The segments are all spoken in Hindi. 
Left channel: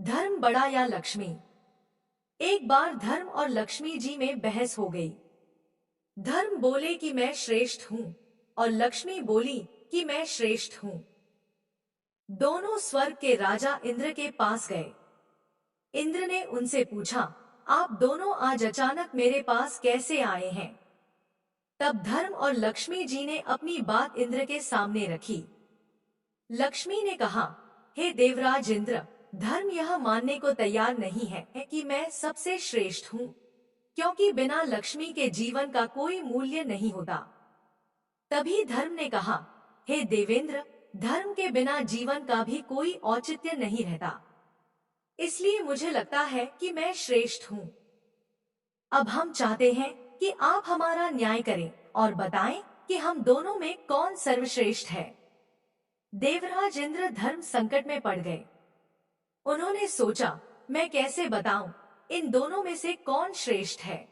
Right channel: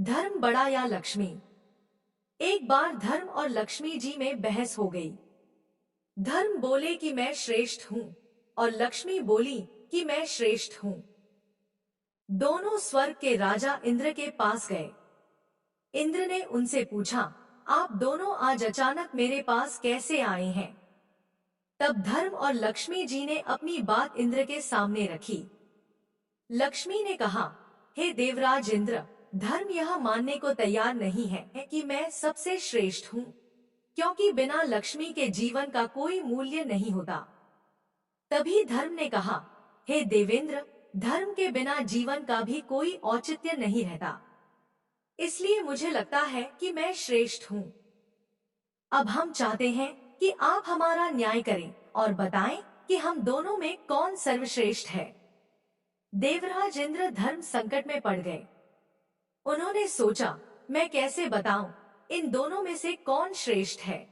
धर्म बड़ा या लक्ष्मी। एक बार धर्म और लक्ष्मी जी में बहस हो गई। धर्म बोले कि मैं श्रेष्ठ हूँ और लक्ष्मी बोली कि मैं श्रेष्ठ हूँ। दोनों स्वर्ग के राजा इंद्र के पास गए। इंद्र ने उनसे पूछा, आप दोनों आज अचानक मेरे पास कैसे आए हैं? तब धर्म और लक्ष्मी जी ने अपनी बात इंद्र के सामने रखी। लक्ष्मी ने कहा, हे देवराज इंद्र, धर्म यह मानने को तैयार नहीं है कि मैं सबसे श्रेष्ठ हूँ, क्योंकि बिना लक्ष्मी के जीवन का कोई मूल्य नहीं होता। तभी धर्म ने कहा, हे देवेंद्र, धर्म के बिना जीवन का भी कोई औचित्य नहीं रहता। इसलिए मुझे लगता है कि मैं श्रेष्ठ हूँ। अब हम चाहते हैं कि आप हमारा न्याय करें और बताएं कि हम दोनों में कौन सर्वश्रेष्ठ है। देवराज इंद्र धर्म संकट में पड़ गए। उन्होंने सोचा, मैं कैसे बताऊं इन दोनों में से कौन श्रेष्ठ है।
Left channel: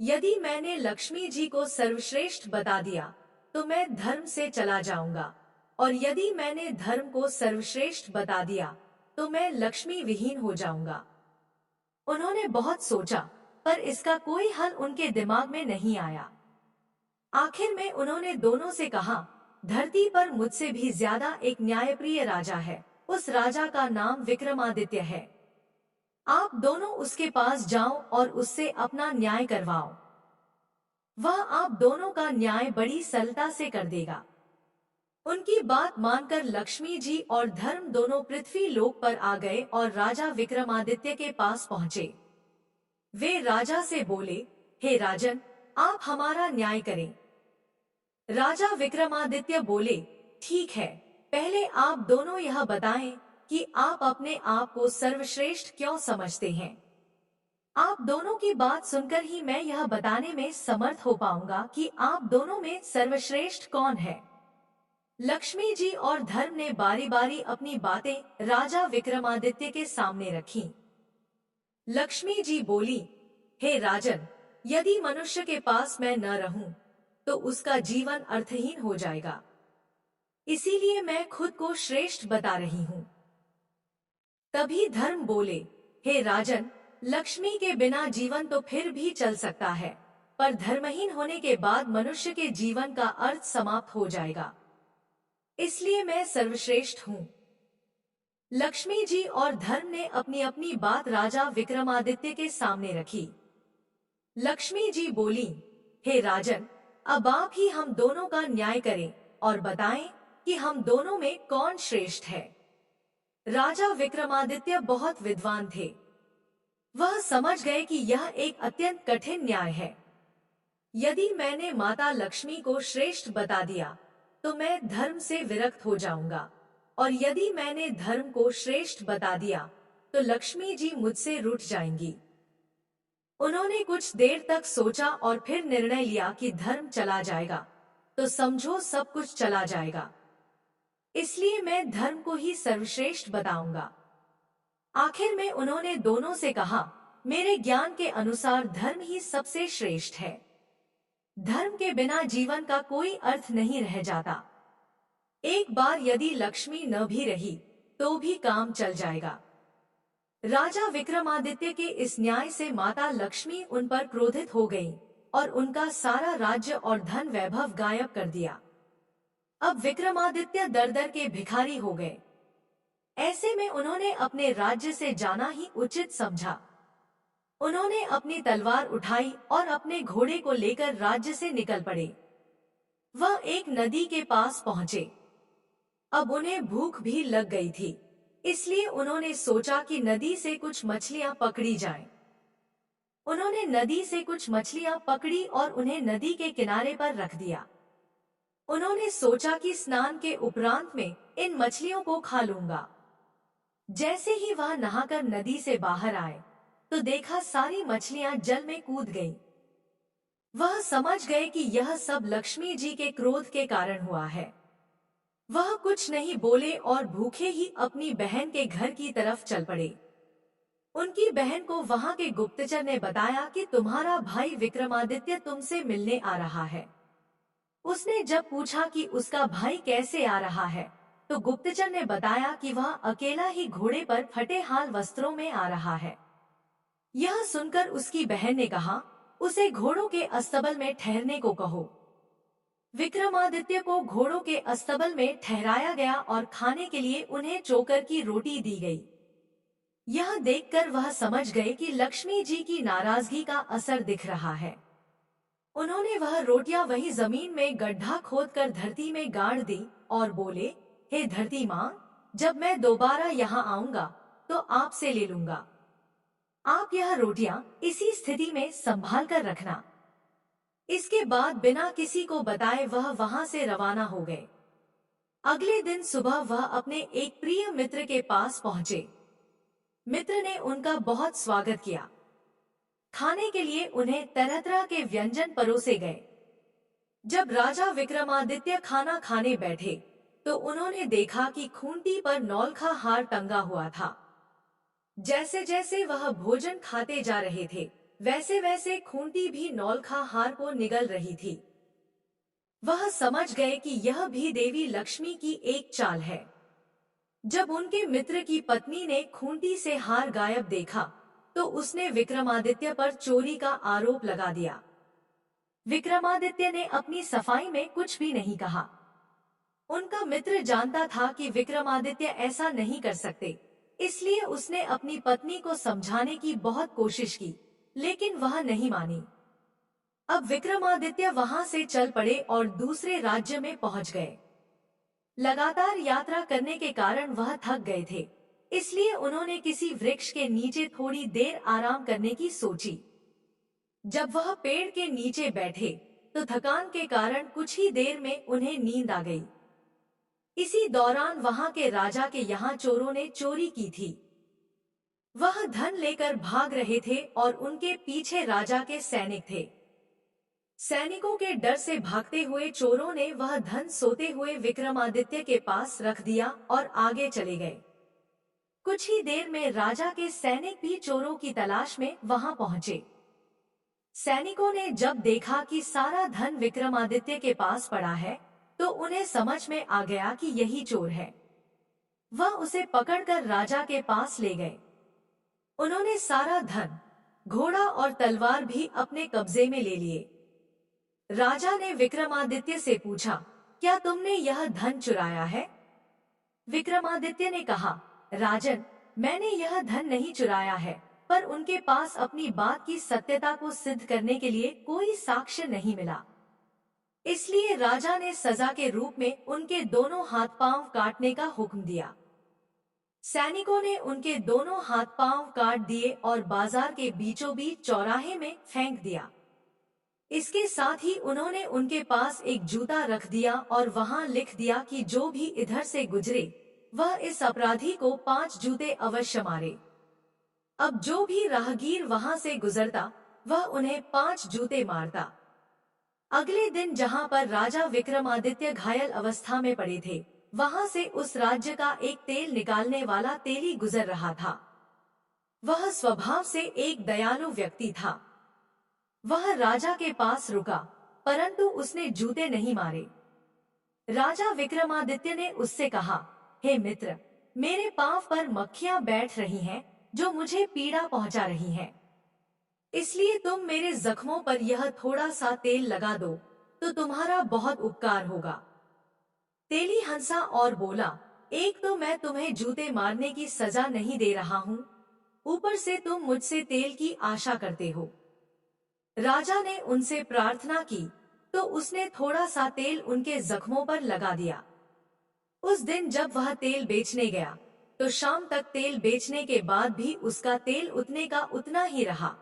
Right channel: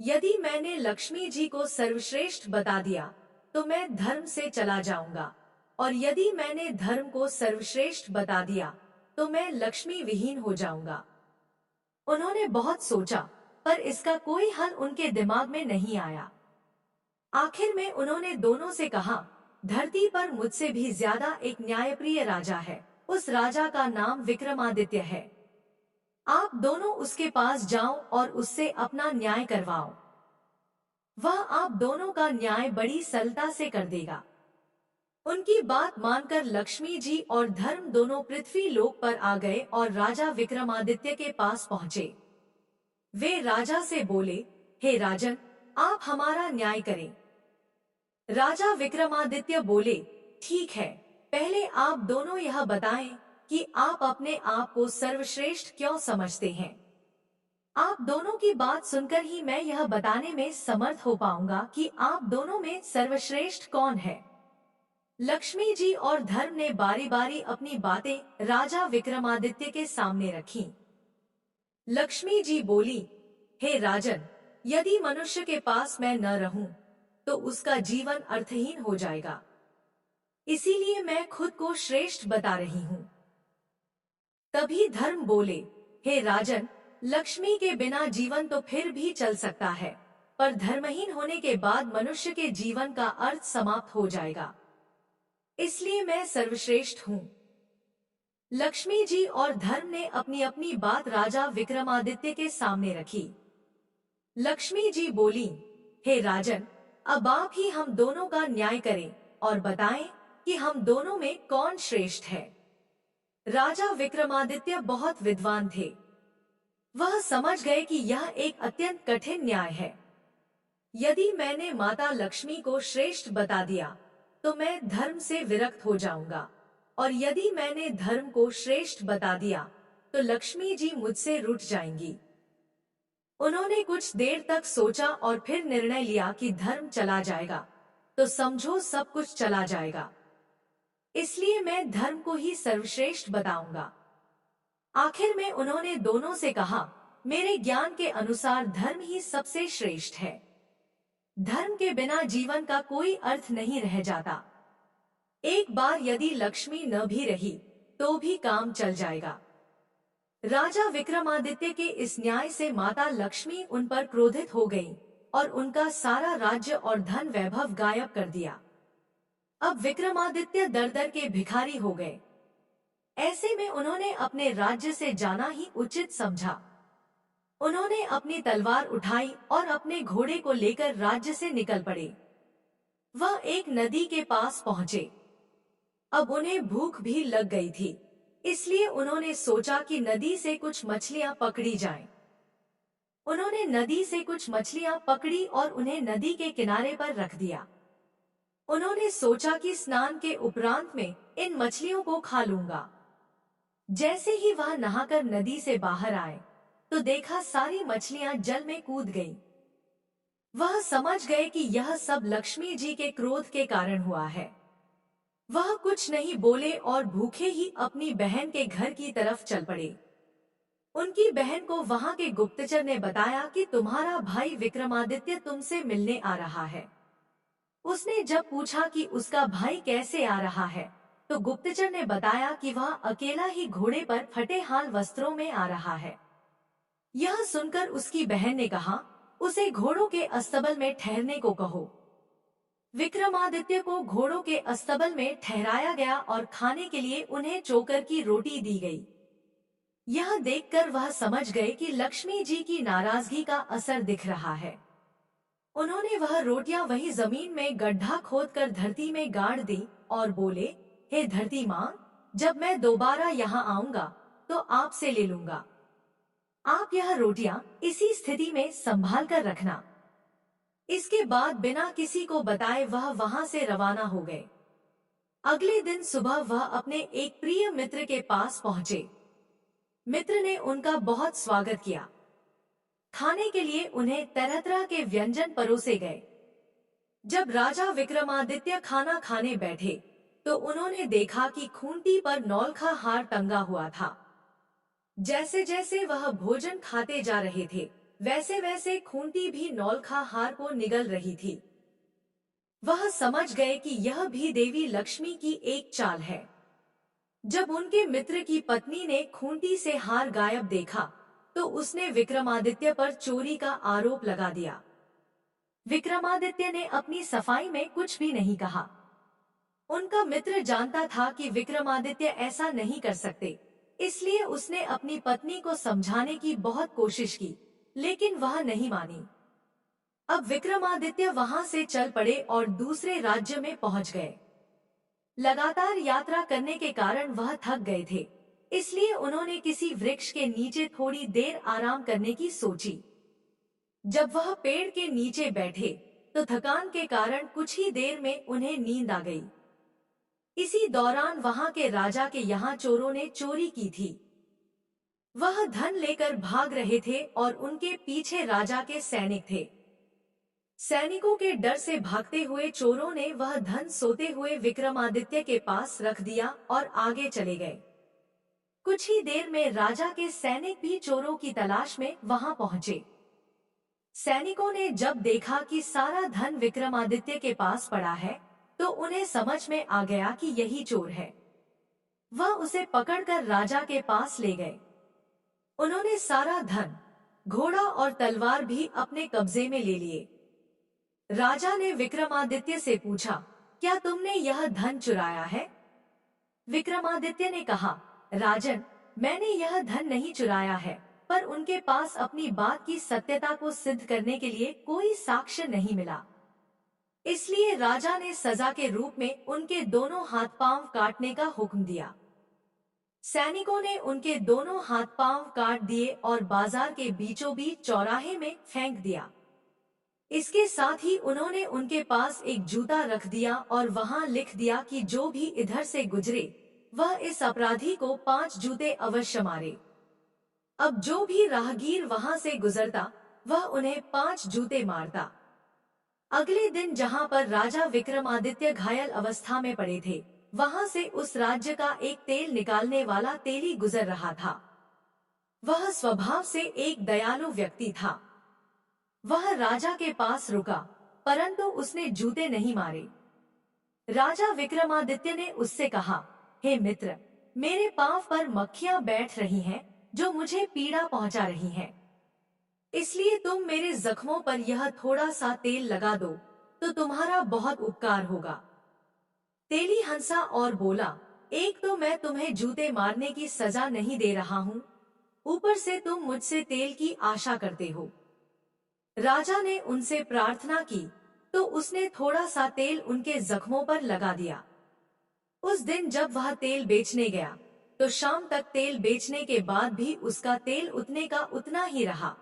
यदि मैंने लक्ष्मी जी को सर्वश्रेष्ठ बता दिया तो मैं धर्म से चला जाऊंगा, और यदि मैंने धर्म को सर्वश्रेष्ठ बता दिया तो मैं लक्ष्मी विहीन हो जाऊंगा। उन्होंने बहुत सोचा, पर इसका कोई हल उनके दिमाग में नहीं आया। आखिर में उन्होंने दोनों से कहा, धरती पर मुझसे भी ज्यादा एक न्यायप्रिय राजा है। उस राजा का नाम विक्रमादित्य है। आप दोनों उसके पास जाओ और उससे अपना न्याय करवाओ। वह आप दोनों का न्याय बड़ी सरलता से कर देगा। उनकी बात मानकर लक्ष्मी जी और धर्म दोनों पृथ्वी लोक पर आ गए और राजा विक्रमादित्य के पास पहुंचे। वे राजा से बोले, हे राजन, आप हमारा न्याय करें। राजा विक्रमादित्य बोले, ठीक है, पहले आप दोनों यह बताएं कि आप अपने आप को सर्वश्रेष्ठ क्यों समझते हैं। आप दोनों की बात सुनकर ही मैं यह बताने में समर्थ हो पाऊंगा कि आप दोनों में सर्वश्रेष्ठ कौन है। लक्ष्मी जी और धर्म ने बारी बारी अपनी बातें राजा विक्रमादित्य के सामने रखीं। लक्ष्मी जी बोली, हे राजन, यदि मनुष्य के पास मैं न रहूं तो उसका जीवन अर्थहीन हो जाएगा। इसीलिए मैं खुद को श्रेष्ठ बता रही हूं। तभी धर्म बोले, हे राजन, लक्ष्मी के बिना जीवन तो फिर भी चल सकता है, पर धर्महीन होने के बाद मनुष्य के जीवन का अर्थ समाप्त हो जाएगा। इसलिए मैं सर्वश्रेष्ठ हूँ। लक्ष्मी जी और धर्म ने अपनी अपनी बात राजा विक्रमादित्य के सामने रखी। लक्ष्मी जी बोली, हे राजन, अब आप ही हम दोनों का न्याय करें और बताएं कि हम दोनों में कौन श्रेष्ठ है। राजा विक्रमादित्य बहुत विद्वान थे। वह समझ गए कि यह एक अत्यंत कठिन न्याय है। यदि मैंने माता लक्ष्मी को श्रेष्ठ बता दिया तो मैं धर्म से विरक्त हो जाऊंगा, और यदि मैंने धर्म को श्रेष्ठ बता दिया तो लक्ष्मी जी मुझसे रूठ जाएंगी। उन्होंने कुछ देर तक सोचा और फिर निर्णय लिया कि धर्म चला जाएगा तो समझो सब कुछ चला जाएगा। इसलिए मैं धर्म को ही सर्वश्रेष्ठ बताऊंगा। आखिर में उन्होंने दोनों से कहा, मेरे ज्ञान के अनुसार धर्म ही सबसे श्रेष्ठ है। धर्म के बिना जीवन का कोई अर्थ नहीं रह जाता। एक बार यदि लक्ष्मी न भी रही तो भी काम चल जाएगा। राजा विक्रमादित्य के इस न्याय से माता लक्ष्मी उन पर क्रोधित हो गई और उनका सारा राज्य और धन वैभव गायब कर दिया। अब विक्रमादित्य दर दर के भिखारी हो गए। ऐसे में उन्होंने अपने राज्य से जाना ही उचित समझा। उन्होंने अपनी तलवार उठाई और अपने घोड़े को लेकर राज्य से निकल पड़े। वह एक नदी के पास पहुंचे। अब उन्हें भूख भी लग गई थी, इसलिए उन्होंने सोचा कि नदी से कुछ मछलियां पकड़ी जाएं। उन्होंने नदी से कुछ मछलियां पकड़ी और उन्हें नदी के किनारे पर रख दिया। उन्होंने सोचा कि स्नान के उपरांत में इन मछलियों को खा लूंगा। जैसे ही वह नहाकर नदी से बाहर आए तो देखा सारी मछलियां जल में कूद गईं। वह समझ गए कि यह सब लक्ष्मी जी के क्रोध के कारण हुआ है। वह कुछ नहीं बोले और भूखे ही अपनी बहन के घर की तरफ चल पड़े। उनकी बहन को वहां के गुप्तचर ने बताया कि तुम्हारा भाई विक्रमादित्य तुमसे मिलने आ रहा है। उसने जब पूछा कि उसका भाई कैसे आ रहा है तो गुप्तचर ने बताया कि वह अकेला ही घोड़े पर फटे हाल वस्त्रों में आ रहा है। यह सुनकर उसकी बहन ने कहा, उसे घोड़ों के अस्तबल में ठहरने को कहो। विक्रमादित्य को घोड़ों के अस्तबल में ठहराया गया और खाने के लिए उन्हें चोकर की रोटी दी गई। यह देखकर वह समझ गए कि लक्ष्मी जी की नाराजगी का असर दिख रहा है। उन्होंने वह रोटियां वही जमीन में गड्ढा खोदकर धरती में गाड़ दी और बोले, हे धरती माँ, जब मैं दोबारा यहाँ आऊंगा तो आपसे ले लूंगा। आप यह रोटियां इसी स्थिति में संभाल कर रखना। इसके बाद बिना किसी को बताए वह वहां से रवाना हो गए। अगले दिन सुबह वह अपने एक प्रिय मित्र के पास पहुंचे। मित्र ने उनका बहुत स्वागत किया। खाने के लिए उन्हें तरह तरह के व्यंजन परोसे गए। जब राजा विक्रमादित्य खाना खाने बैठे तो उन्होंने देखा कि खूंटी पर नौलखा हार टंगा हुआ था। जैसे जैसे वह भोजन खाते जा रहे थे वैसे वैसे खूंटी भी नौलखा हार को निगल रही थी। वह समझ गए कि यह भी देवी लक्ष्मी की एक चाल है। जब उनके मित्र की पत्नी ने खूंटी से हार गायब देखा तो उसने विक्रमादित्य पर चोरी का आरोप लगा दिया। विक्रमादित्य ने अपनी सफाई में कुछ भी नहीं कहा। उनका मित्र जानता था कि विक्रमादित्य ऐसा नहीं कर सकते, इसलिए उसने अपनी पत्नी को समझाने की बहुत कोशिश की, लेकिन वह नहीं मानी। अब विक्रमादित्य वहां से चल पड़े और दूसरे राज्य में पहुंच गए। लगातार यात्रा करने के कारण वह थक गए थे, इसलिए उन्होंने किसी वृक्ष के नीचे थोड़ी देर आराम करने की सोची। जब वह पेड़ के नीचे बैठे तो थकान के कारण कुछ ही देर में उन्हें नींद आ गई। इसी दौरान वहां के राजा के यहाँ चोरों ने चोरी की थी। वह धन लेकर भाग रहे थे और उनके पीछे राजा के सैनिक थे। सैनिकों के डर से भागते हुए चोरों ने वह धन सोते हुए विक्रमादित्य के पास रख दिया और आगे चले गए। कुछ ही देर में राजा के सैनिक भी चोरों की तलाश में वहां पहुंचे। सैनिकों ने जब देखा कि सारा धन विक्रमादित्य के पास पड़ा है तो उन्हें समझ में आ गया कि यही चोर है। वह उसे पकड़कर राजा के पास ले गए। उन्होंने सारा धन, घोड़ा और तलवार भी अपने कब्जे में ले लिए। राजा ने विक्रमादित्य से पूछा, क्या तुमने यह धन चुराया है? विक्रमादित्य ने कहा, राजन, मैंने यह धन नहीं चुराया है, पर उनके पास अपनी बात की सत्यता को सिद्ध करने के लिए कोई साक्ष्य नहीं मिला। इसलिए राजा ने सजा के रूप में उनके दोनों हाथ पांव काटने का हुक्म दिया। सैनिकों ने उनके दोनों हाथ पांव काट दिए और बाजार के बीचों बीच चौराहे में फेंक दिया। इसके साथ ही उन्होंने उनके पास एक जूता रख दिया और वहां लिख दिया कि जो भी इधर से गुजरे वह इस अपराधी को 5 जूते अवश्य मारे। अब जो भी राहगीर वहां से गुजरता वह उन्हें 5 जूते मारता। अगले दिन जहां पर राजा विक्रमादित्य घायल अवस्था में पड़े थे वहां से उस राज्य का एक तेल निकालने वाला तेली गुजर रहा था। वह स्वभाव से एक दयालु व्यक्ति था। वह राजा के पास रुका, परंतु उसने जूते नहीं मारे। राजा विक्रमादित्य ने उससे कहा, हे मित्र, मेरे पांव पर मक्खियां बैठ रही हैं जो मुझे पीड़ा पहुंचा रही हैं। इसलिए तुम मेरे जख्मों पर यह थोड़ा सा तेल लगा दो तो तुम्हारा बहुत उपकार होगा। तेली हंसा और बोला, एक तो मैं तुम्हें जूते मारने की सजा नहीं दे रहा हूँ, ऊपर से तुम मुझसे तेल की आशा करते हो। राजा ने उनसे प्रार्थना की तो उसने थोड़ा सा तेल उनके जख्मों पर लगा दिया। उस दिन जब वह तेल बेचने गया तो शाम तक तेल बेचने के बाद भी उसका तेल उतने का उतना ही रहा।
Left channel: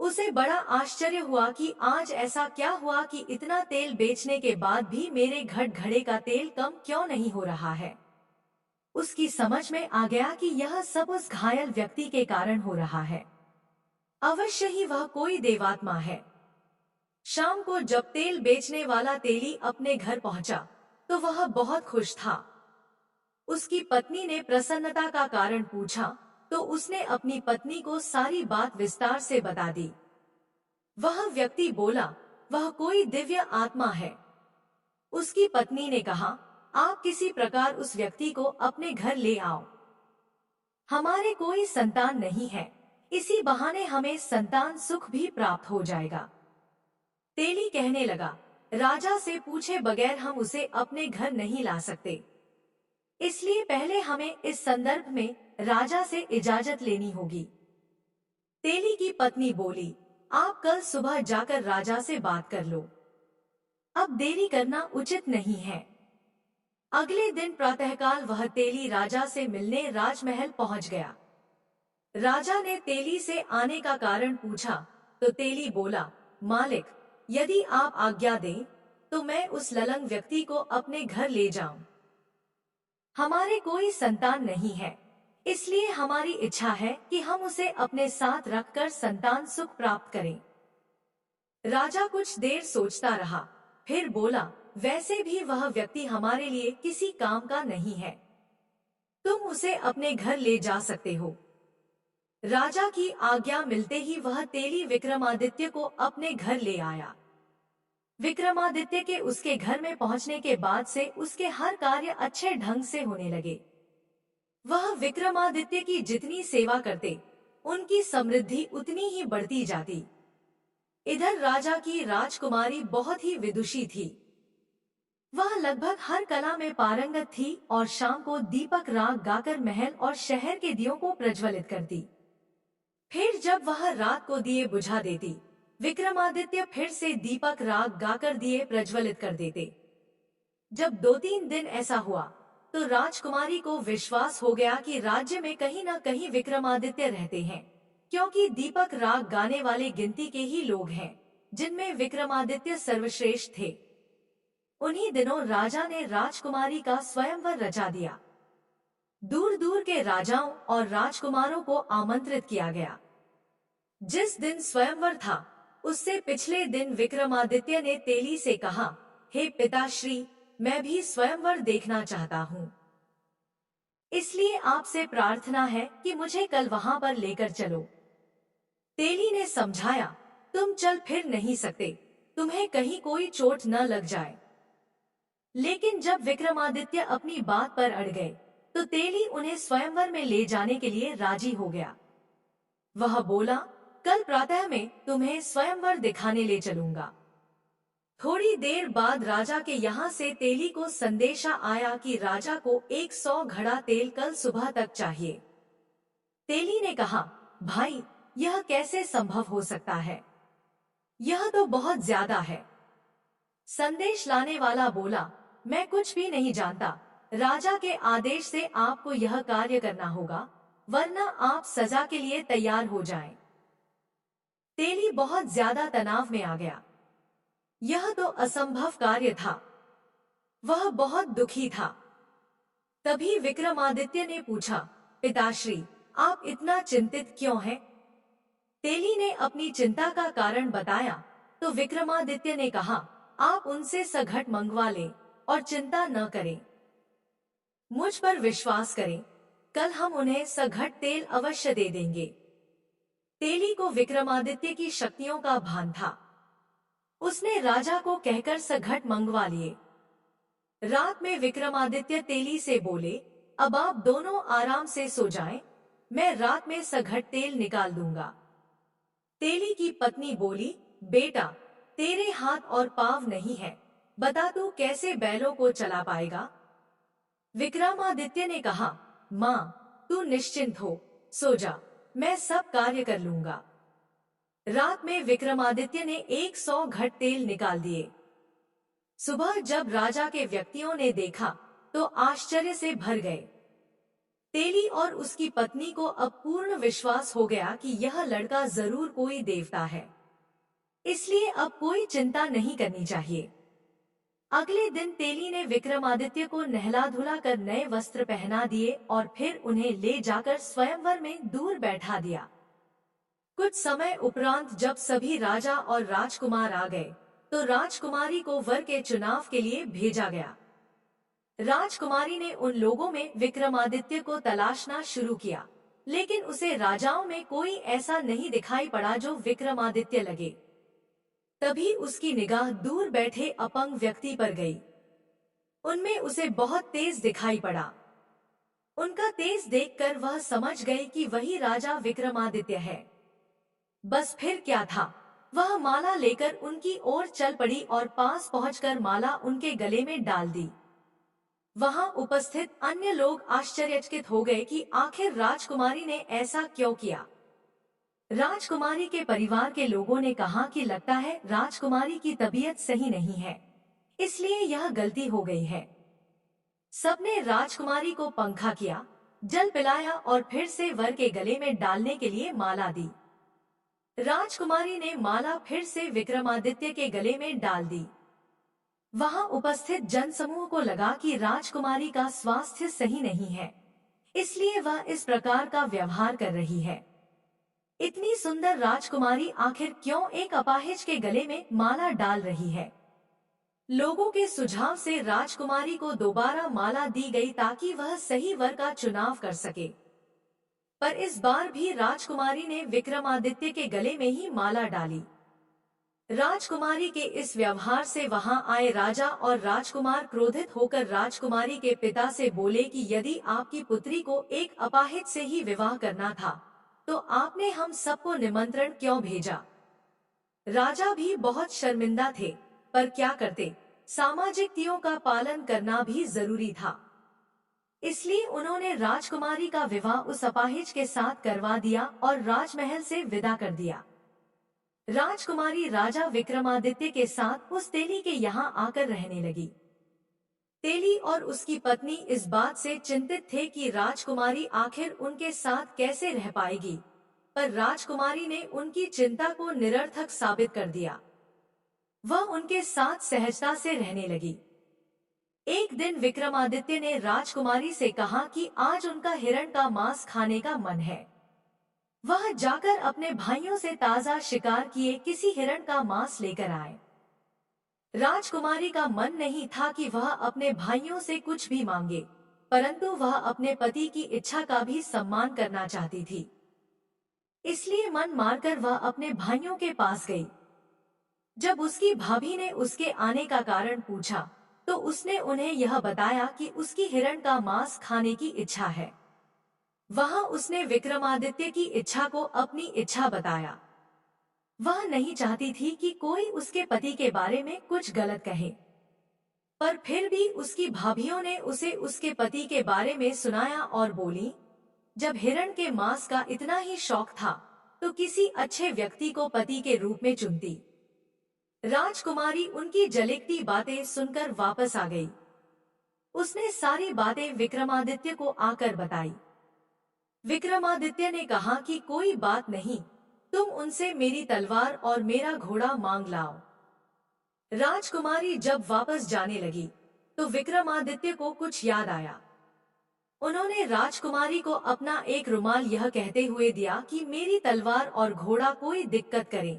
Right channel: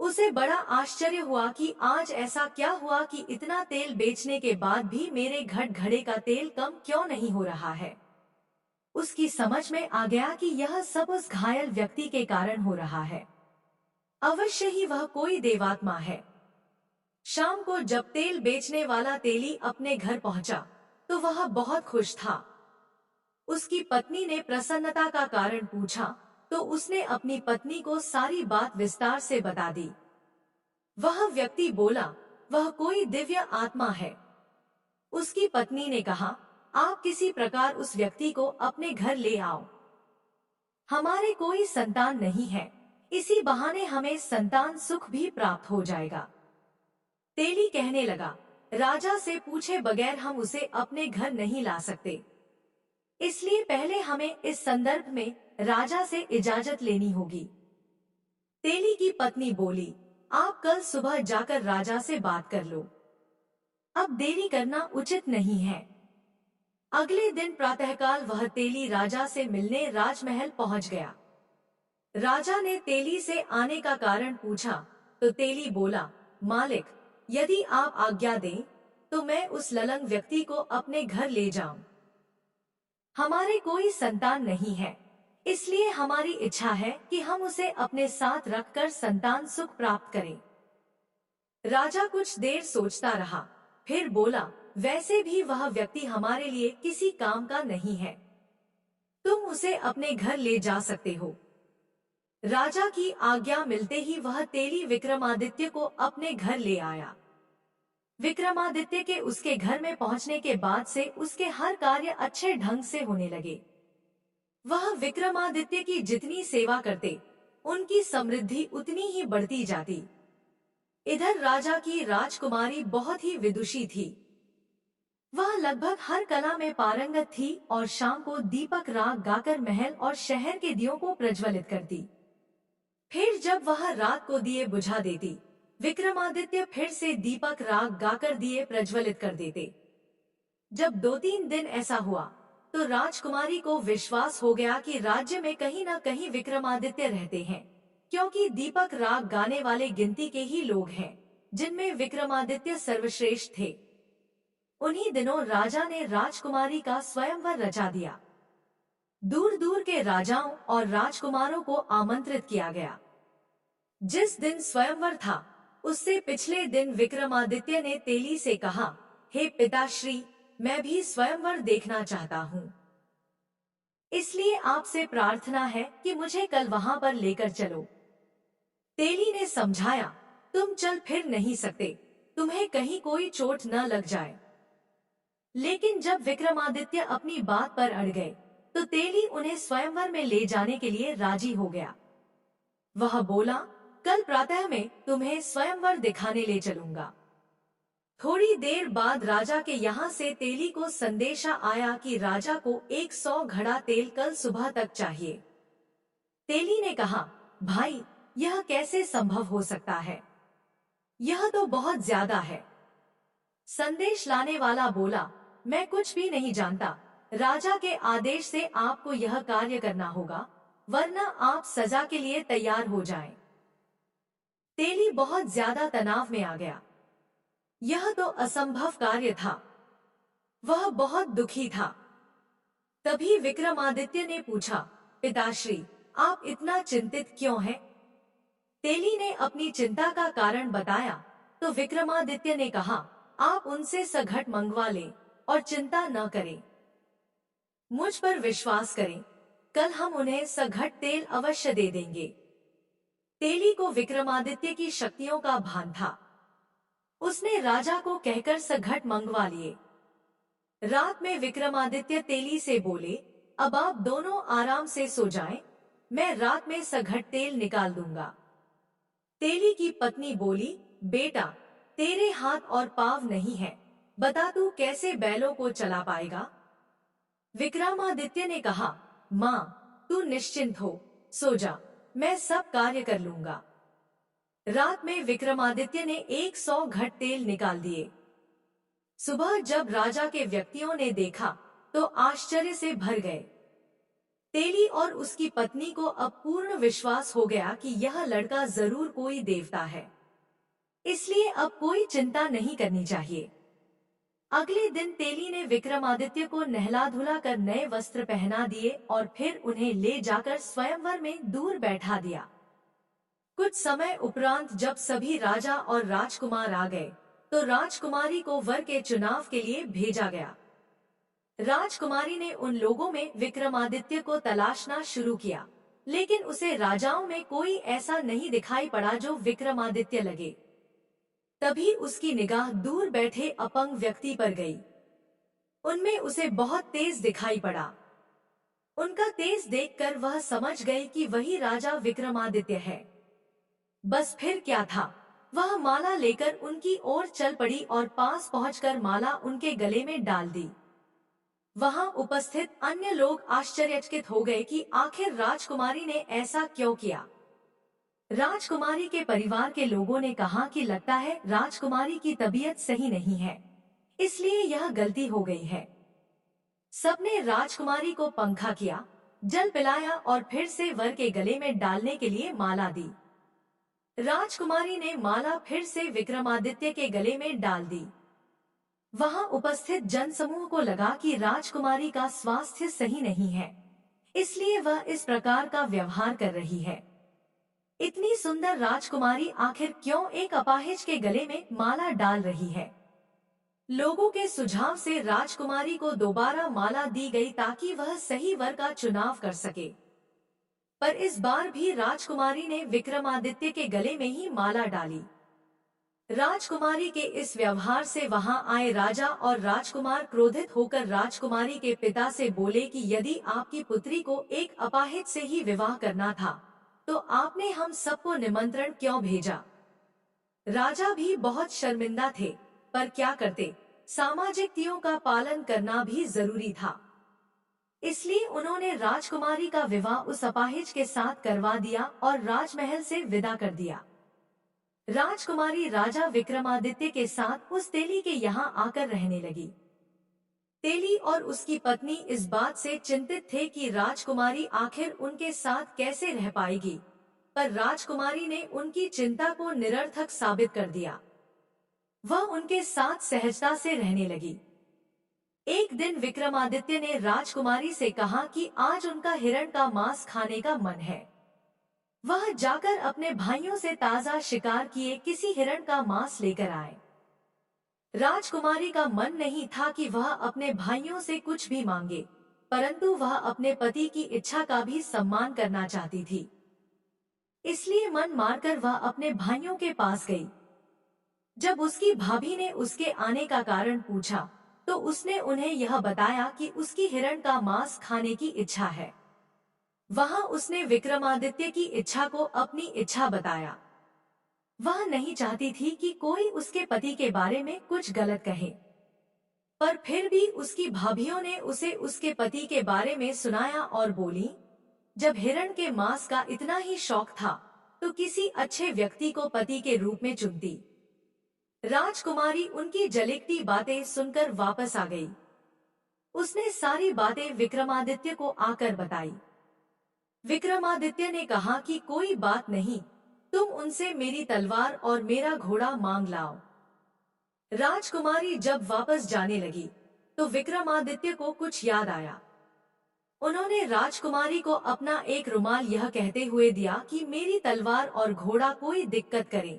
उसे बड़ा आश्चर्य हुआ कि आज ऐसा क्या हुआ कि इतना तेल बेचने के बाद भी मेरे घड़े का तेल कम क्यों नहीं हो रहा है। उसकी समझ में आ गया कि यह सब उस घायल व्यक्ति के कारण हो रहा है। अवश्य ही वह कोई देवात्मा है। शाम को जब तेल बेचने वाला तेली अपने घर पहुंचा तो वह बहुत खुश था। उसकी पत्नी ने प्रसन्नता का कारण पूछा तो उसने अपनी पत्नी को सारी बात विस्तार से बता दी। वह व्यक्ति बोला, वह कोई दिव्य आत्मा है। उसकी पत्नी ने कहा, आप किसी प्रकार उस व्यक्ति को अपने घर ले आओ। हमारे कोई संतान नहीं है, इसी बहाने हमें संतान सुख भी प्राप्त हो जाएगा। तेली कहने लगा, राजा से पूछे बगैर हम उसे अपने घर नहीं ला सकते, इसलिए पहले हमें इस संदर्भ में राजा से इजाजत लेनी होगी। तेली की पत्नी बोली, आप कल सुबह जाकर राजा से बात कर लो, अब देरी करना उचित नहीं है। अगले दिन प्रातःकाल वह तेली राजा से मिलने राजमहल पहुंच गया। राजा ने तेली से आने का कारण पूछा तो तेली बोला, मालिक, यदि आप आज्ञा दें तो मैं उस ललंग व्यक्ति को अपने घर ले जाऊं। हमारे कोई संतान नहीं है, इसलिए हमारी इच्छा है कि हम उसे अपने साथ रखकर संतान सुख प्राप्त करें। राजा कुछ देर सोचता रहा, फिर बोला, वैसे भी वह व्यक्ति हमारे लिए किसी काम का नहीं है, तुम उसे अपने घर ले जा सकते हो। राजा की आज्ञा मिलते ही वह तेली विक्रमादित्य को अपने घर ले आया। विक्रमादित्य के उसके घर में पहुंचने के बाद से उसके हर कार्य अच्छे ढंग से होने लगे। वह विक्रमादित्य की जितनी सेवा करते, उनकी समृद्धि उतनी ही बढ़ती जाती। इधर राजा की राजकुमारी बहुत ही विदुषी थी। वह लगभग हर कला में पारंगत थी और शाम को दीपक राग गाकर महल और शहर के दियों को प्रज्वलित करती। फिर जब वह रात को दिए बुझा देती, विक्रमादित्य फिर से दीपक राग गाकर दिए प्रज्वलित कर देते। जब 2-3 दिन ऐसा हुआ तो राजकुमारी को विश्वास हो गया कि राज्य में कहीं न कहीं विक्रमादित्य रहते हैं, क्योंकि दीपक राग गाने वाले गिनती के ही लोग हैं जिनमें विक्रमादित्य सर्वश्रेष्ठ थे। उन्हीं दिनों राजा ने राजकुमारी का स्वयंवर रचा दिया। दूर दूर के राजाओं और राजकुमारों को आमंत्रित किया गया। जिस दिन स्वयंवर था, उससे पिछले दिन विक्रमादित्य ने तेली से कहा, हे पिताश्री, मैं भी स्वयंवर देखना चाहता हूँ, इसलिए आपसे प्रार्थना है कि मुझे कल वहां पर लेकर चलो। तेली ने समझाया, तुम चल फिर नहीं सकते, तुम्हें कहीं कोई चोट न लग जाए। लेकिन जब विक्रमादित्य अपनी बात पर अड़ गए तो तेली उन्हें स्वयंवर में ले जाने के लिए राजी हो गया। वह बोला, कल प्रातः में तुम्हें स्वयंवर दिखाने ले चलूंगा। थोड़ी देर बाद राजा के यहाँ से तेली को संदेशा आया कि राजा को 100 घड़ा तेल कल सुबह तक चाहिए। तेली ने कहा, भाई, यह कैसे संभव हो सकता है? यह तो बहुत ज्यादा है। संदेश लाने वाला बोला, मैं कुछ भी नहीं जानता, राजा के आदेश से आपको यह कार्य करना होगा, वरना आप सजा के लिए तैयार हो जाएं। तेली बहुत ज्यादा तनाव में आ गया। यह तो असंभव कार्य था। वह बहुत दुखी था। तभी विक्रमादित्य ने पूछा, पिताश्री, आप इतना चिंतित क्यों हैं? तेली ने अपनी चिंता का कारण बताया तो विक्रमादित्य ने कहा, आप उनसे सघट मंगवा लें और चिंता न करें। मुझ पर विश्वास करें, कल हम उन्हें सघट तेल अवश्य दे देंगे। तेली को विक्रमादित्य की शक्तियों का भान था। उसने राजा को कहकर सघट मंगवा लिए। रात में विक्रमादित्य तेली से बोले, अब आप दोनों आराम से सो जाएं, मैं रात में सघट तेल निकाल दूंगा। तेली की पत्नी बोली, बेटा, तेरे हाथ और पांव नहीं है, बता तू कैसे बैलों को चला पाएगा? विक्रमादित्य ने कहा, माँ, तू निश्चिंत हो, सो जा, मैं सब कार्य कर लूंगा। रात में विक्रमादित्य ने 100 घट तेल निकाल दिए। सुबह जब राजा के व्यक्तियों ने देखा तो आश्चर्य से भर गए। तेली और उसकी पत्नी को अब पूर्ण विश्वास हो गया कि यह लड़का जरूर कोई देवता है, इसलिए अब कोई चिंता नहीं करनी चाहिए। अगले दिन तेली ने विक्रमादित्य को नहला धुला कर नए वस्त्र पहना दिए और फिर उन्हें ले जाकर स्वयंवर में दूर बैठा दिया। कुछ समय उपरांत जब सभी राजा और राजकुमार आ गए तो राजकुमारी को वर के चुनाव के लिए भेजा गया। राजकुमारी ने उन लोगों में विक्रमादित्य को तलाशना शुरू किया, लेकिन उसे राजाओं में कोई ऐसा नहीं दिखाई पड़ा जो विक्रमादित्य लगे। तभी उसकी निगाह दूर बैठे अपंग व्यक्ति पर गई। उनमें उसे बहुत तेज दिखाई पड़ा। उनका तेज देखकर वह समझ गई कि वही राजा विक्रमादित्य है। बस फिर क्या था, वह माला लेकर उनकी ओर चल पड़ी और पास पहुंचकर माला उनके गले में डाल दी। वहां उपस्थित अन्य लोग आश्चर्यचकित हो गए कि आखिर राजकुमारी ने ऐसा क्यों किया। राजकुमारी के परिवार के लोगों ने कहा कि लगता है राजकुमारी की तबीयत सही नहीं है, इसलिए यह गलती हो गई है। सबने राजकुमारी को पंखा किया, जल पिलाया और फिर से वर के गले में डालने के लिए माला दी। राजकुमारी ने माला फिर से विक्रमादित्य के गले में डाल दी। वहां उपस्थित जनसमूह को लगा कि राजकुमारी का स्वास्थ्य सही नहीं है, इसलिए वह इस प्रकार का व्यवहार कर रही है। इतनी सुंदर राजकुमारी आखिर क्यों एक अपाहिज के गले में माला डाल रही है। लोगों के सुझाव से राजकुमारी को दोबारा माला दी गई ताकि वह सही वर का चुनाव कर सके। पर इस बार भी राजकुमारी ने विक्रमादित्य के गले में ही माला डाली। राजकुमारी के इस व्यवहार से वहां आए राजा और राजकुमार क्रोधित होकर राजकुमारी के पिता से बोले कि यदि आपकी पुत्री को एक अपाहिज से ही विवाह करना था, तो आपने हम सबको निमंत्रण क्यों भेजा। राजा भी बहुत शर्मिंदा थे, पर क्या करते, सामाजिक नियमों का पालन करना भी जरूरी था। इसलिए उन्होंने राजकुमारी का विवाह उस अपाहिज के साथ करवा दिया और राजमहल से विदा कर दिया। राजकुमारी राजा विक्रमादित्य के साथ उस तेली के यहाँ आकर रहने लगी। तेली और उसकी पत्नी इस बात से चिंतित थे कि राजकुमारी आखिर उनके साथ कैसे रह पाएगी, पर राजकुमारी ने उनकी चिंता को निरर्थक साबित कर दिया। वह उनके साथ सहजता से रहने लगी। एक दिन विक्रमादित्य ने राजकुमारी से कहा कि आज उनका हिरण का मांस खाने का मन है। वह जाकर अपने भाइयों से ताजा शिकार किए किसी हिरण का मांस लेकर आए। राजकुमारी का मन नहीं था कि वह अपने भाइयों से कुछ भी मांगे, परंतु वह अपने पति की इच्छा का भी सम्मान करना चाहती थी। इसलिए मन मारकर वह अपने भाइयों के पास गई। जब उसकी भाभी ने उसके आने का कारण पूछा, तो उसने उन्हें यह बताया कि उसकी हिरण का मांस खाने की इच्छा है। वहां उसने विक्रमादित्य की इच्छा को अपनी इच्छा बताया। वह नहीं चाहती थी कि कोई उसके पति के बारे में कुछ गलत कहे, पर फिर भी उसकी भाभियों ने उसे उसके पति के बारे में सुनाया और बोली, जब हिरण के मांस का इतना ही शौक था, तो किसी अच्छे व्यक्ति को पति के रूप में चुनती। राजकुमारी उनकी जलिकती बातें सुनकर वापस आ गई। उसने सारी बातें विक्रमादित्य को आकर बताई। विक्रमादित्य ने कहा कि कोई बात नहीं, तुम उनसे मेरी तलवार और मेरा घोड़ा मांग लाओ। राजकुमारी जब वापस जाने लगी, तो विक्रमादित्य को कुछ याद आया। उन्होंने राजकुमारी को अपना एक रुमाल यह कहते हुए दिया कि मेरी तलवार और घोड़ा कोई दिक्कत करे,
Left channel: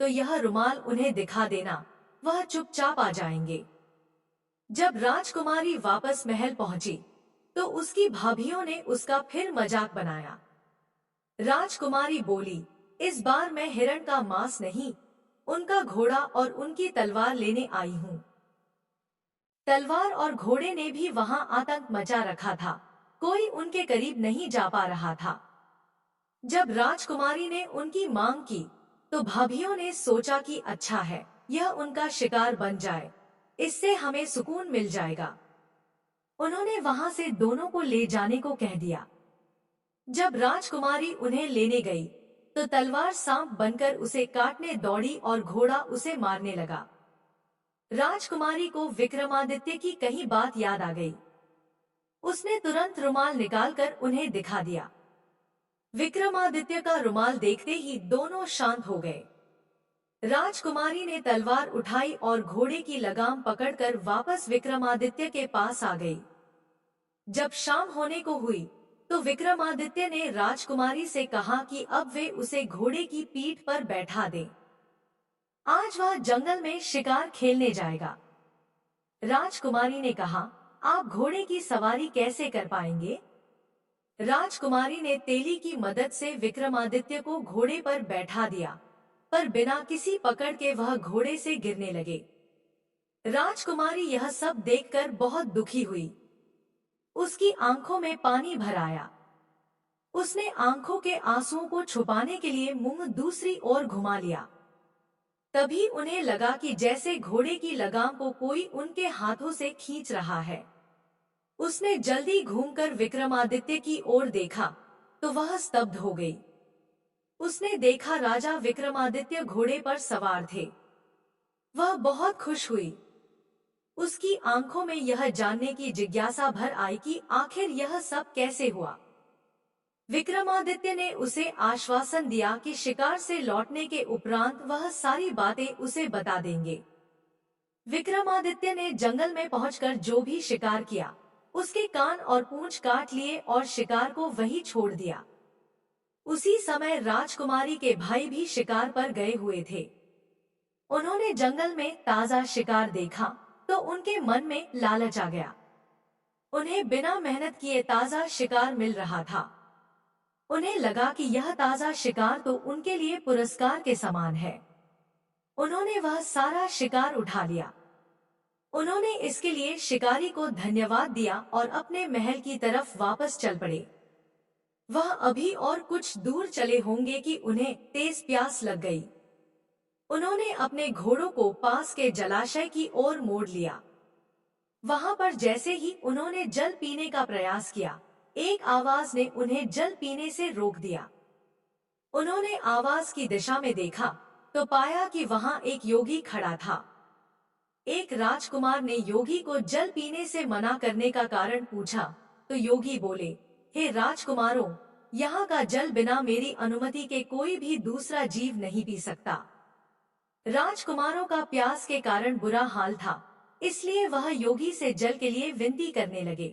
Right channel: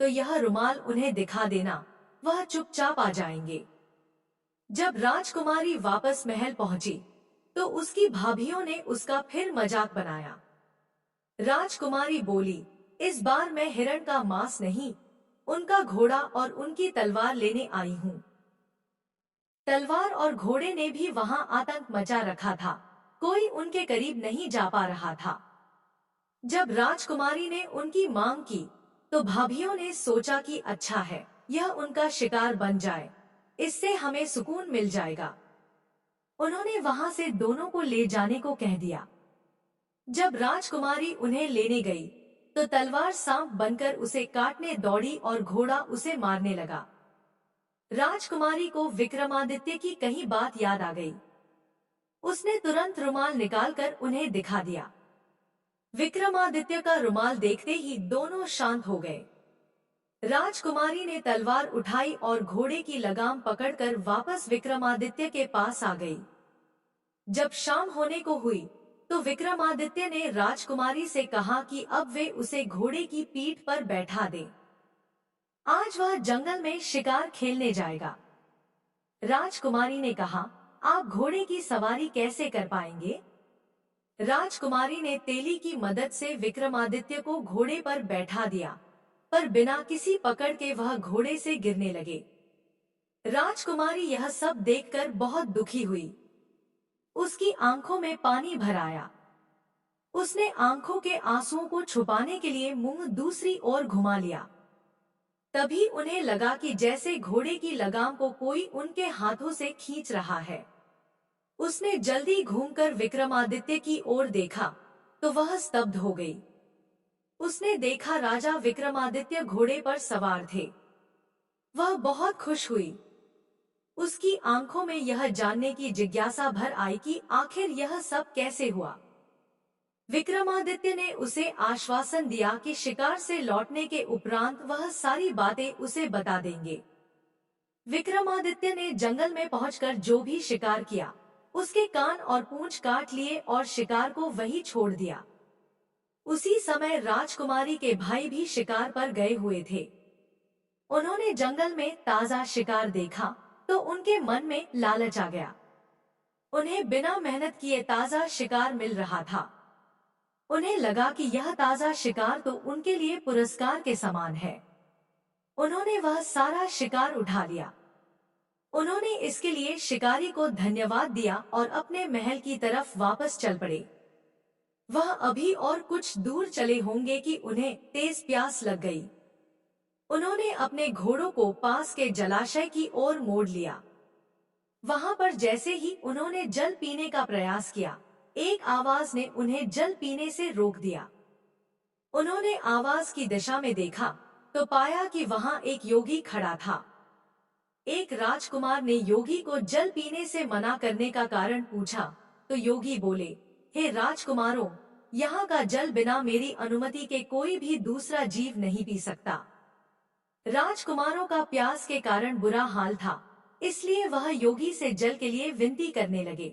तो यह रुमाल उन्हें दिखा देना, वह चुपचाप आ जाएंगे। जब राजकुमारी वापस महल पहुंची, तो उसकी भाभियों ने उसका फिर मजाक बनाया। राजकुमारी बोली, इस बार मैं हिरण का मांस नहीं, उनका घोड़ा और उनकी तलवार लेने आई हूँ। तलवार और घोड़े ने भी वहां आतंक मचा रखा था, कोई उनके करीब नहीं जा पा रहा था। जब राजकुमारी ने उनकी मांग की, तो भाभियों ने सोचा कि अच्छा है, यह उनका शिकार बन जाए, इससे हमें सुकून मिल जाएगा। उन्होंने वहां से दोनों को ले जाने को कह दिया। जब राजकुमारी उन्हें लेने गई, तो तलवार सांप बनकर उसे काटने दौड़ी और घोड़ा उसे मारने लगा। राजकुमारी को विक्रमादित्य की कही बात याद आ गई। उसने तुरंत रुमाल निकालकर उन्हें दिखा दिया। विक्रमादित्य का रुमाल देखते ही दोनों शांत हो गए। राजकुमारी ने तलवार उठाई और घोड़े की लगाम पकड़कर वापस विक्रमादित्य के पास आ गई। जब शाम होने को हुई, तो विक्रमादित्य ने राजकुमारी से कहा कि अब वे उसे घोड़े की पीठ पर बैठा दें। आज वह जंगल में शिकार खेलने जाएगा। राजकुमारी ने कहा, आप घोड़े की सवारी कैसे कर पाएंगे? राजकुमारी ने तेली की मदद से विक्रमादित्य को घोड़े पर बैठा दिया, पर बिना किसी पकड़ के वह घोड़े से गिरने लगे। राजकुमारी यह सब देखकर बहुत दुखी हुई। उसकी आंखों में पानी भर आया। उसने आंखों के आंसुओं को छुपाने के लिए मुंह दूसरी ओर घुमा लिया। तभी उन्हें लगा कि जैसे घोड़े की लगाम को कोई उनके हाथों से खींच रहा है। उसने जल्दी घूमकर विक्रमादित्य की ओर देखा तो वह स्तब्ध हो गई। उसने देखा राजा विक्रमादित्य घोड़े पर सवार थे। वह बहुत खुश हुई। उसकी आंखों में यह जानने की जिज्ञासा भर आई कि आखिर यह सब कैसे हुआ। विक्रमादित्य ने उसे आश्वासन दिया कि शिकार से लौटने के उपरांत वह सारी बातें उसे बता देंगे। विक्रमादित्य ने जंगल में पहुंचकर जो भी शिकार किया, उसके कान और पूंछ काट लिए और शिकार को वहीं छोड़ दिया। उसी समय राजकुमारी के भाई भी शिकार पर गए हुए थे। उन्होंने जंगल में ताजा शिकार देखा तो उनके मन में लालच आ गया। उन्हें बिना मेहनत किए ताजा शिकार मिल रहा था। उन्हें लगा कि यह ताजा शिकार तो उनके लिए पुरस्कार के समान है। उन्होंने वह सारा शिकार उठा लिया। उन्होंने इसके लिए शिकारी को धन्यवाद दिया और अपने महल की तरफ वापस चल पड़े। वह अभी और कुछ दूर चले होंगे कि उन्हें तेज प्यास लग गई। उन्होंने अपने घोड़ों को पास के जलाशय की ओर मोड़ लिया। वहां पर जैसे ही उन्होंने जल पीने का प्रयास किया, एक आवाज ने उन्हें जल पीने से रोक दिया। उन्होंने आवाज की दिशा में देखा तो पाया कि वहां एक योगी खड़ा था। एक राजकुमार ने योगी को जल पीने से मना करने का कारण पूछा तो योगी बोले, हे राजकुमारों, यहाँ का जल बिना मेरी अनुमति के कोई भी दूसरा जीव नहीं पी सकता। राजकुमारों का प्यास के कारण बुरा हाल था, इसलिए वह योगी से जल के लिए विनती करने लगे।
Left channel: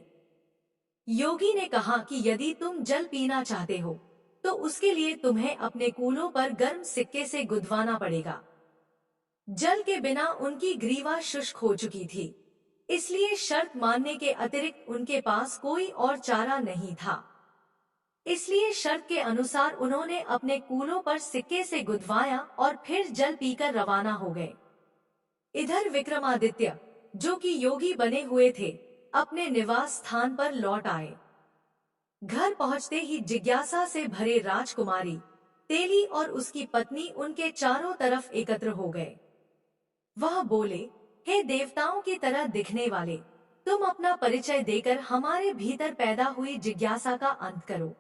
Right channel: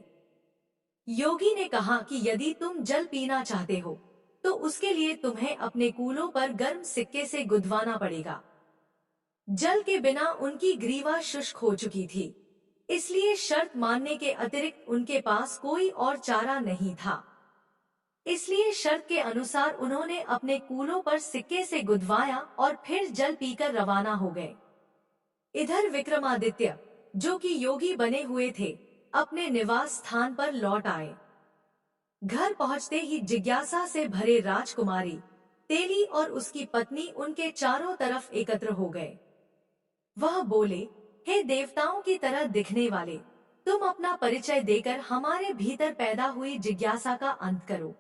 योगी ने कहा कि यदि तुम जल पीना चाहते हो तो उसके लिए तुम्हें अपने कूलों पर गर्म सिक्के से गुदवाना पड़ेगा। जल के बिना उनकी ग्रीवा शुष्क हो चुकी थी, इसलिए शर्त मानने के अतिरिक्त उनके पास कोई और चारा नहीं था। इसलिए शर्त के अनुसार उन्होंने अपने कूलों पर सिक्के से गुदवाया और फिर जल पीकर रवाना हो गए। इधर विक्रमादित्य, जो कि योगी बने हुए थे, अपने निवास स्थान पर लौट आए। घर पहुंचते ही जिज्ञासा से भरे राजकुमारी तेली और उसकी पत्नी उनके चारों तरफ एकत्र हो गए। वह बोले, हे देवताओं की तरह दिखने वाले, तुम अपना परिचय देकर हमारे भीतर पैदा हुई जिज्ञासा का अंत करो।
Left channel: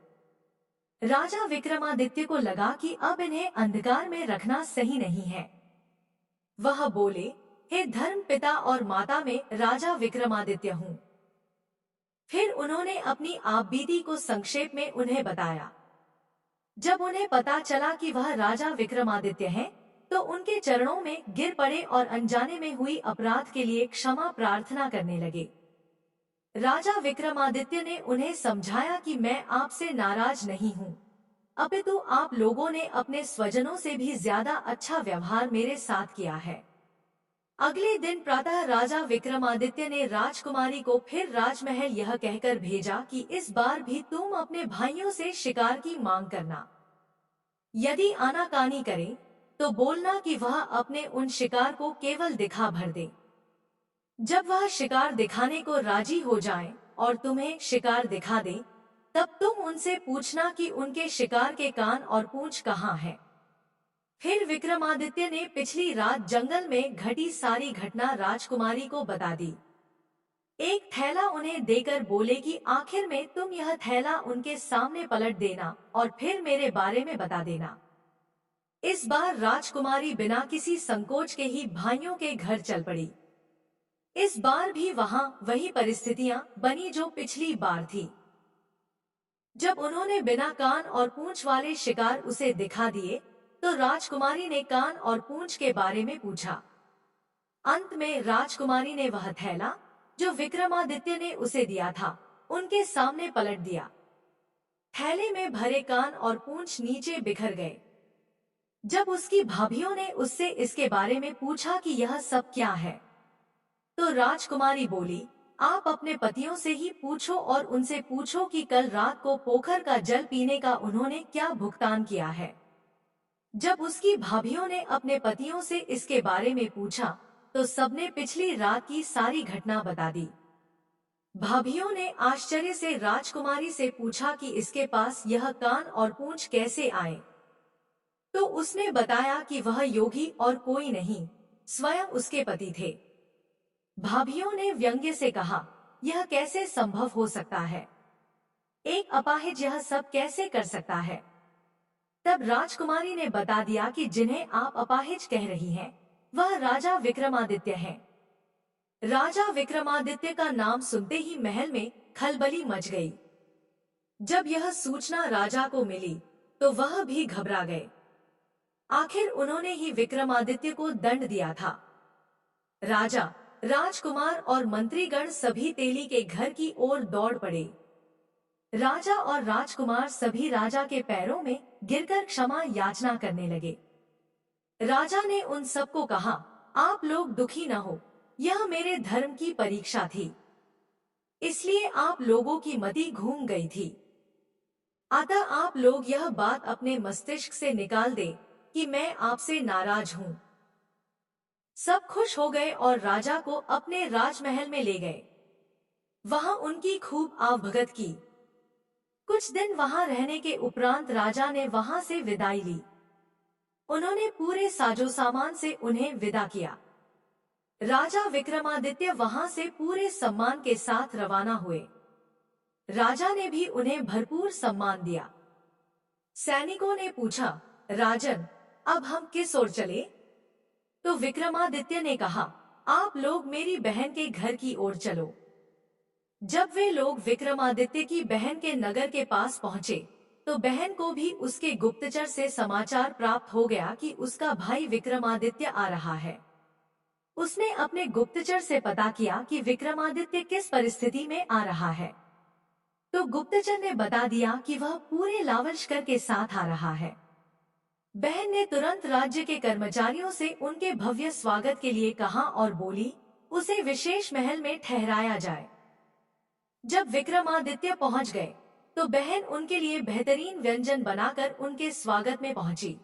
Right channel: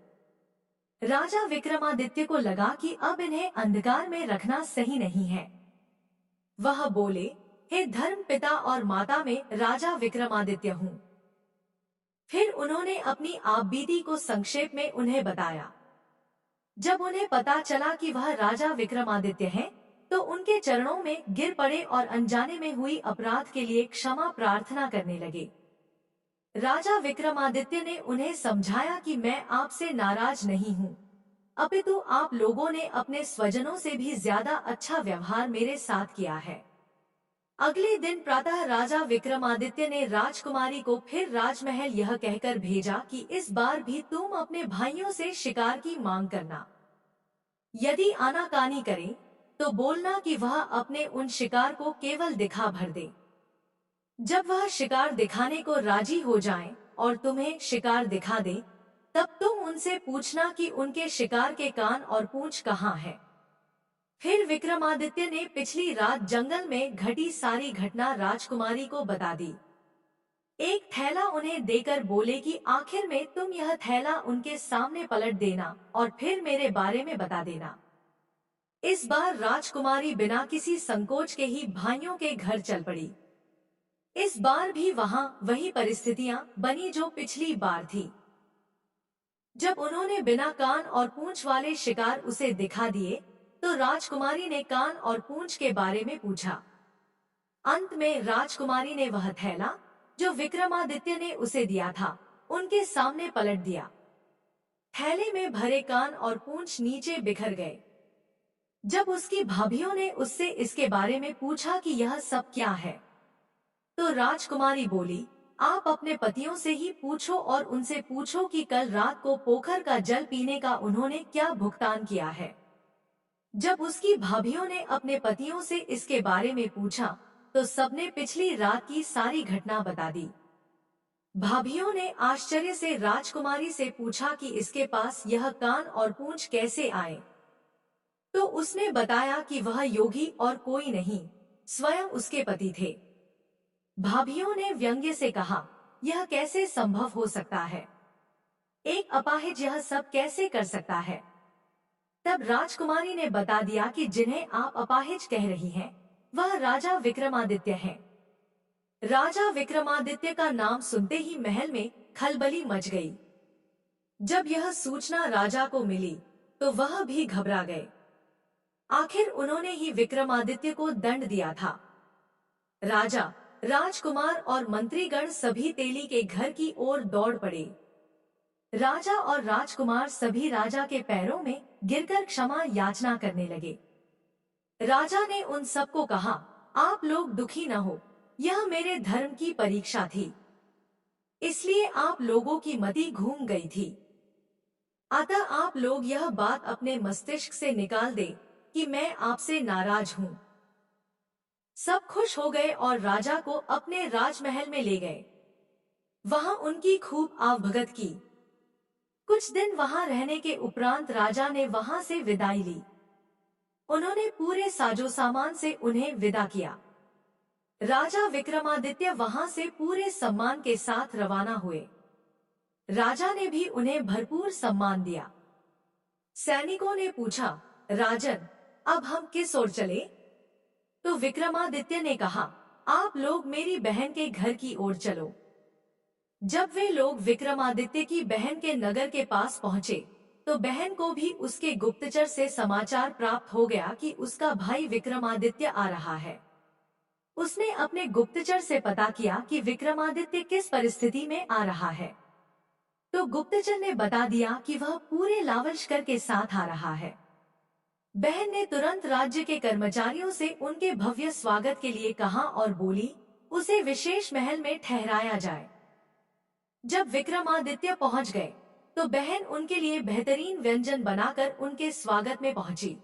राजा विक्रमादित्य को लगा कि अब इन्हें अंधकार में रखना सही नहीं है। वह बोले, हे धर्म पिता और माता में राजा विक्रमादित्य हूँ। फिर उन्होंने अपनी आपबीती को संक्षेप में उन्हें बताया। जब उन्हें पता चला कि वह राजा विक्रमादित्य हैं, तो उनके चरणों में गिर पड़े और अनजाने में हुई अपराध के लिए क्षमा प्रार्थना करने लगे। राजा विक्रमादित्य ने उन्हें समझाया कि मैं आपसे नाराज नहीं हूँ, अपितु आप लोगों ने अपने स्वजनों से भी ज्यादा अच्छा व्यवहार मेरे साथ किया है। अगले दिन प्रातः राजा विक्रमादित्य ने राजकुमारी को फिर राजमहल यह कहकर भेजा कि इस बार भी तुम अपने भाइयों से शिकार की मांग करना। यदि आनाकानी करे तो बोलना कि वह अपने उन शिकार को केवल दिखा भर दे। जब वह शिकार दिखाने को राजी हो जाए और तुम्हें शिकार दिखा दे, तब तुम उनसे पूछना कि उनके शिकार के कान और पूंछ कहाँ है। फिर विक्रमादित्य ने पिछली रात जंगल में घटी सारी घटना राजकुमारी को बता दी। एक थैला उन्हें देकर बोले कि आखिर में तुम यह थैला उनके सामने पलट देना और फिर मेरे बारे में बता देना। इस बार राजकुमारी बिना किसी संकोच के ही भाइयों के घर चल पड़ी। इस बार भी वहां वही परिस्थितियां बनी जो पिछली बार थी। जब उन्होंने बिना कान और पूंछ वाले शिकार उसे दिखा दिए, तो राजकुमारी ने कान और पूंछ के बारे में पूछा। अंत में राजकुमारी ने वह थैला जो विक्रमादित्य ने उसे दिया था, उनके सामने पलट दिया। थैले में भरे कान और पूंछ नीचे बिखर गए। जब उसकी भाभियों ने उससे इसके बारे में पूछा कि यह सब क्या है, तो राजकुमारी बोली, आप अपने पतियों से ही पूछो और उनसे पूछो कि कल रात को पोखर का जल पीने का उन्होंने क्या भुगतान किया है। जब उसकी भाभियों ने अपने पतियों से इसके बारे में पूछा, तो सबने पिछली रात की सारी घटना बता दी। भाभियों ने आश्चर्य से राजकुमारी से पूछा कि इसके पास यह कान और पूंछ कैसे आए। तो उसने बताया कि वह योगी और कोई नहीं, स्वयं उसके पति थे। भाभियों ने व्यंग्य से कहा, यह कैसे संभव हो सकता है? एक अपाहिज यह सब कैसे कर सकता है? तब राजकुमारी ने बता दिया कि जिन्हें आप अपाहिज कह रही हैं, वह राजा विक्रमादित्य हैं। राजा विक्रमादित्य का नाम सुनते ही महल में खलबली मच गई। जब यह सूचना राजा को मिली, तो वह भी घबरा गए। आखिर उन्होंने ही विक्रमादित्य को दंड दिया था। राजा, राजकुमार और मंत्रीगण सभी तेली के घर की ओर दौड़ पड़े। राजा और राजकुमार सभी राजा के पैरों में गिरकर क्षमा याचना करने लगे। राजा ने उन सबको कहा, आप लोग दुखी न हो, यह मेरे धर्म की परीक्षा थी, इसलिए आप लोगों की मति घूम गई थी। अतः आप लोग यह बात अपने मस्तिष्क से निकाल दे कि मैं आपसे नाराज हूँ। सब खुश हो गए और राजा को अपने राजमहल में ले गए। वहां उनकी खूब आवभगत की। कुछ दिन वहां रहने के उपरांत राजा ने वहां से विदाई ली। उन्होंने पूरे साजो सामान से उन्हें विदा किया। राजा विक्रमादित्य वहां से पूरे सम्मान के साथ रवाना हुए। राजा ने भी उन्हें भरपूर सम्मान दिया। सैनिकों ने पूछा, राजन, अब हम किस ओर चले? तो विक्रमादित्य ने कहा, आप लोग मेरी बहन के घर की ओर चलो। जब वे लोग विक्रमादित्य की बहन के नगर के पास पहुंचे, तो बहन को भी उसके गुप्तचर से समाचार प्राप्त हो गया कि उसका भाई विक्रमादित्य आ रहा है। उसने अपने गुप्तचर से पता किया कि विक्रमादित्य किस परिस्थिति में आ रहा है। तो गुप्तचर ने बता दिया कि वह पूरे लावलश्कर के साथ आ रहा है। बहन ने तुरंत राज्य के कर्मचारियों से उनके भव्य स्वागत के लिए कहा और बोली, उसे विशेष महल में ठहराया जाए। जब विक्रमादित्य पहुंच गए, तो बहन उनके लिए बेहतरीन व्यंजन बनाकर उनके स्वागत में पहुंची।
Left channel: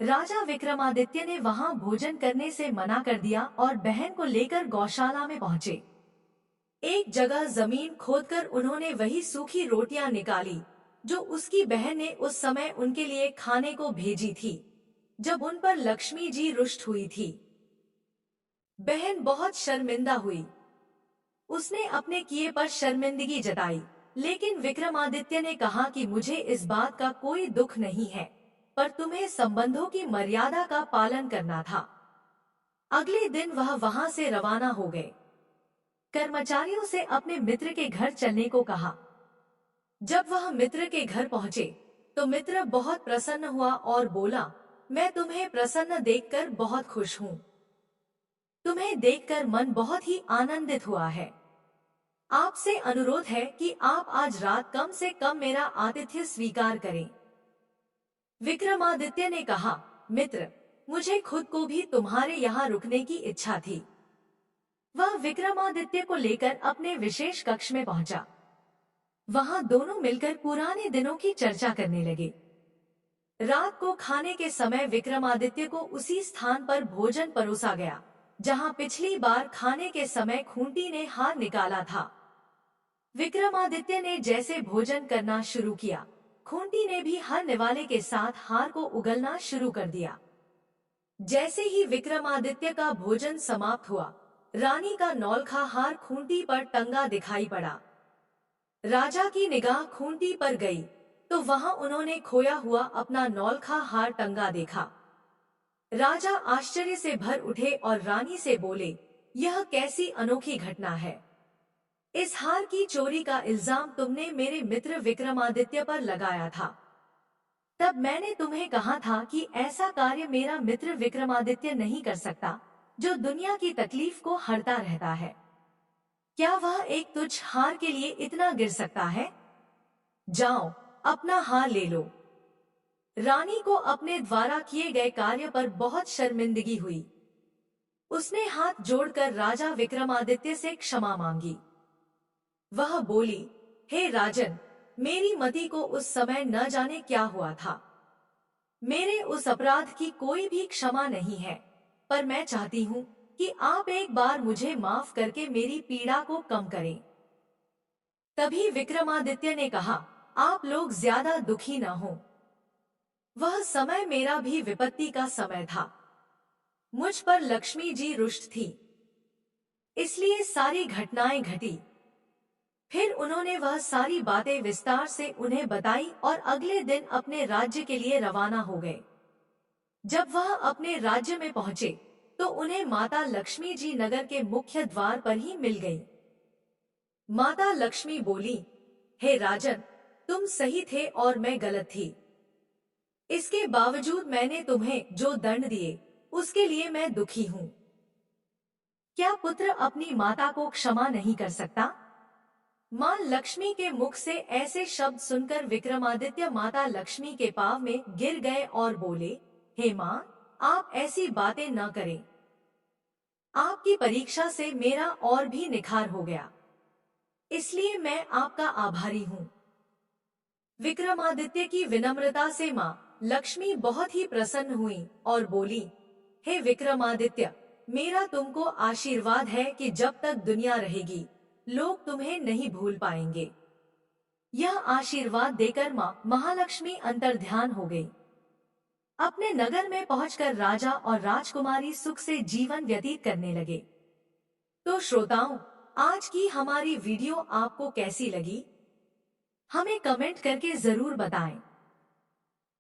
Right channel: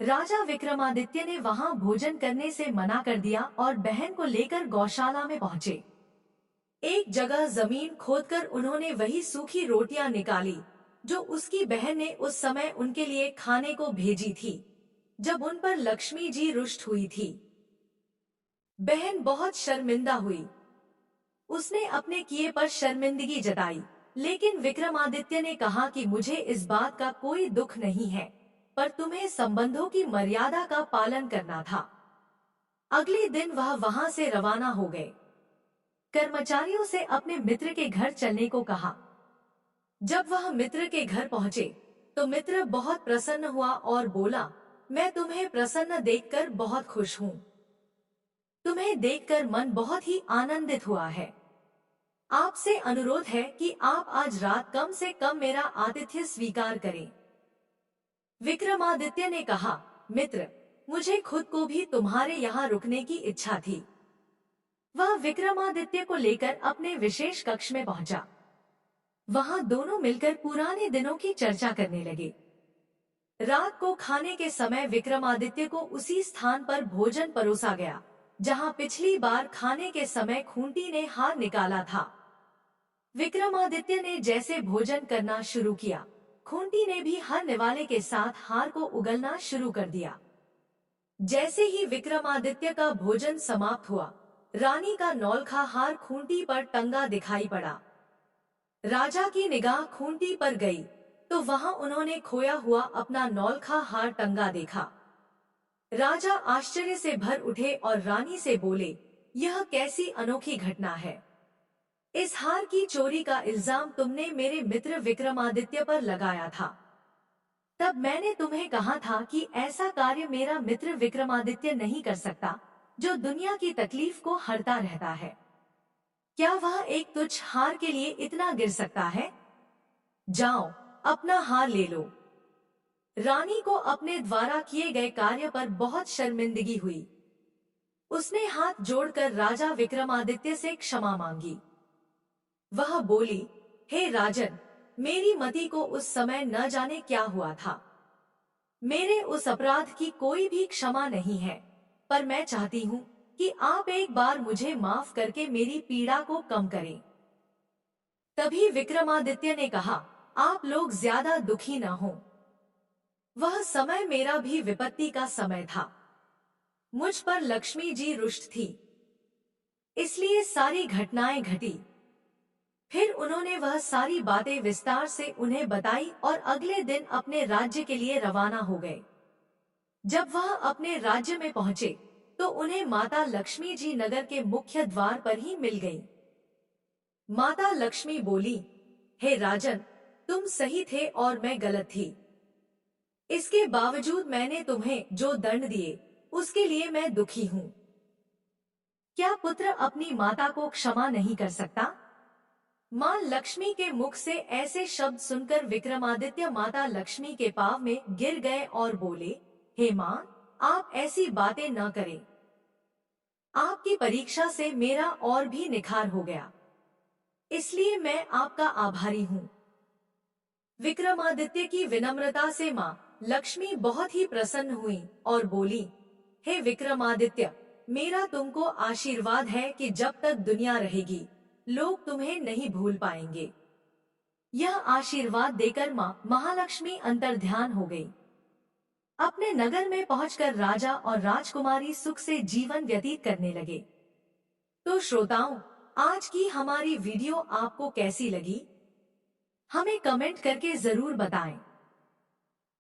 राजा विक्रमादित्य ने वहां भोजन करने से मना कर दिया और बहन को लेकर गौशाला में पहुंचे। एक जगह जमीन खोदकर उन्होंने वही सूखी रोटियां निकाली जो उसकी बहन ने उस समय उनके लिए खाने को भेजी थी, जब उन पर लक्ष्मी जी रुष्ट हुई थी। बहन बहुत शर्मिंदा हुई। उसने अपने किए पर शर्मिंदगी जताई, लेकिन विक्रमादित्य ने कहा कि मुझे इस बात का कोई दुख नहीं है, पर तुम्हें संबंधों की मर्यादा का पालन करना था। अगले दिन वह वहां से रवाना हो गए। कर्मचारियों से अपने मित्र के घर चलने को कहा। जब वह मित्र के घर पहुंचे, तो मित्र बहुत प्रसन्न हुआ और बोला, मैं तुम्हें प्रसन्न देखकर बहुत खुश हूँ। तुम्हें देखकर मन बहुत ही आनंदित हुआ है। आपसे अनुरोध है कि आप आज रात कम से कम मेरा आतिथ्य स्वीकार करें। विक्रमादित्य ने कहा, मित्र, मुझे खुद को भी तुम्हारे यहाँ रुकने की इच्छा थी। वह विक्रमादित्य को लेकर अपने विशेष कक्ष में पहुंचा। वहां दोनों मिलकर पुराने दिनों की चर्चा करने लगे। रात को खाने के समय विक्रमादित्य को उसी स्थान पर भोजन परोसा गया जहां पिछली बार खाने के समय खूंटी ने हार निकाला था। विक्रमादित्य ने जैसे भोजन करना शुरू किया, खूंटी ने भी हर निवाले के साथ हार को उगलना शुरू कर दिया। जैसे ही विक्रमादित्य का भोजन समाप्त हुआ, रानी का नौलखा हार खूंटी पर टंगा दिखाई पड़ा। राजा की निगाह खूंटी पर गई, तो वहां उन्होंने खोया हुआ अपना नौलखा हार टंगा देखा। राजा आश्चर्य से भर उठे और रानी से बोले, यह कैसी अनोखी घटना है? इस हार की चोरी का इल्जाम तुमने मेरे मित्र विक्रमादित्य पर लगाया था। तब मैंने तुम्हें कहा था कि ऐसा कार्य मेरा मित्र विक्रमादित्य नहीं कर सकता, जो दुनिया की तकलीफ को हरता रहता है। क्या वह एक तुच्छ हार के लिए इतना गिर सकता है? जाओ, अपना हार ले लो। रानी को अपने द्वारा किए गए कार्य पर बहुत शर्मिंदगी हुई। उसने हाथ जोड़कर राजा विक्रमादित्य से क्षमा मांगी। वह बोली, हे राजन, मेरी मति को उस समय न जाने क्या हुआ था। मेरे उस अपराध की कोई भी क्षमा नहीं है, पर मैं चाहती हूँ कि आप एक बार मुझे माफ करके मेरी पीड़ा को कम करें। तभी विक्रमादित्य ने कहा, आप लोग ज्यादा दुखी न हो। वह समय मेरा भी विपत्ति का समय था। मुझ पर लक्ष्मी जी रुष्ट थी, इसलिए सारी घटनाएं घटी। फिर उन्होंने वह सारी बातें विस्तार से उन्हें बताई और अगले दिन अपने राज्य के लिए रवाना हो गए। जब वह अपने राज्य में पहुंचे तो उन्हें माता लक्ष्मी जी नगर के मुख्य द्वार पर ही मिल गई। माता लक्ष्मी बोली, हे राजन, तुम सही थे और मैं गलत थी। इसके बावजूद मैंने तुम्हें जो दंड दिए उसके लिए मैं दुखी हूँ। क्या पुत्र अपनी माता को क्षमा नहीं कर सकता? मां लक्ष्मी के मुख से ऐसे शब्द सुनकर विक्रमादित्य माता लक्ष्मी के पांव में गिर गए और बोले, हे मां, आप ऐसी बातें न करें। आपकी परीक्षा से मेरा और भी निखार हो गया, इसलिए मैं आपका आभारी हूँ। विक्रमादित्य की विनम्रता से मां लक्ष्मी बहुत ही प्रसन्न हुई और बोली, हे विक्रमादित्य, मेरा तुमको आशीर्वाद है कि जब तक दुनिया रहेगी लोग तुम्हें नहीं भूल पाएंगे। यह आशीर्वाद देकर मां महालक्ष्मी अंतर्ध्यान हो गई। अपने नगर में पहुंचकर राजा और राजकुमारी सुख से जीवन व्यतीत करने लगे। तो श्रोताओं, आज की हमारी वीडियो आपको कैसी लगी? हमें कमेंट करके जरूर बताएं।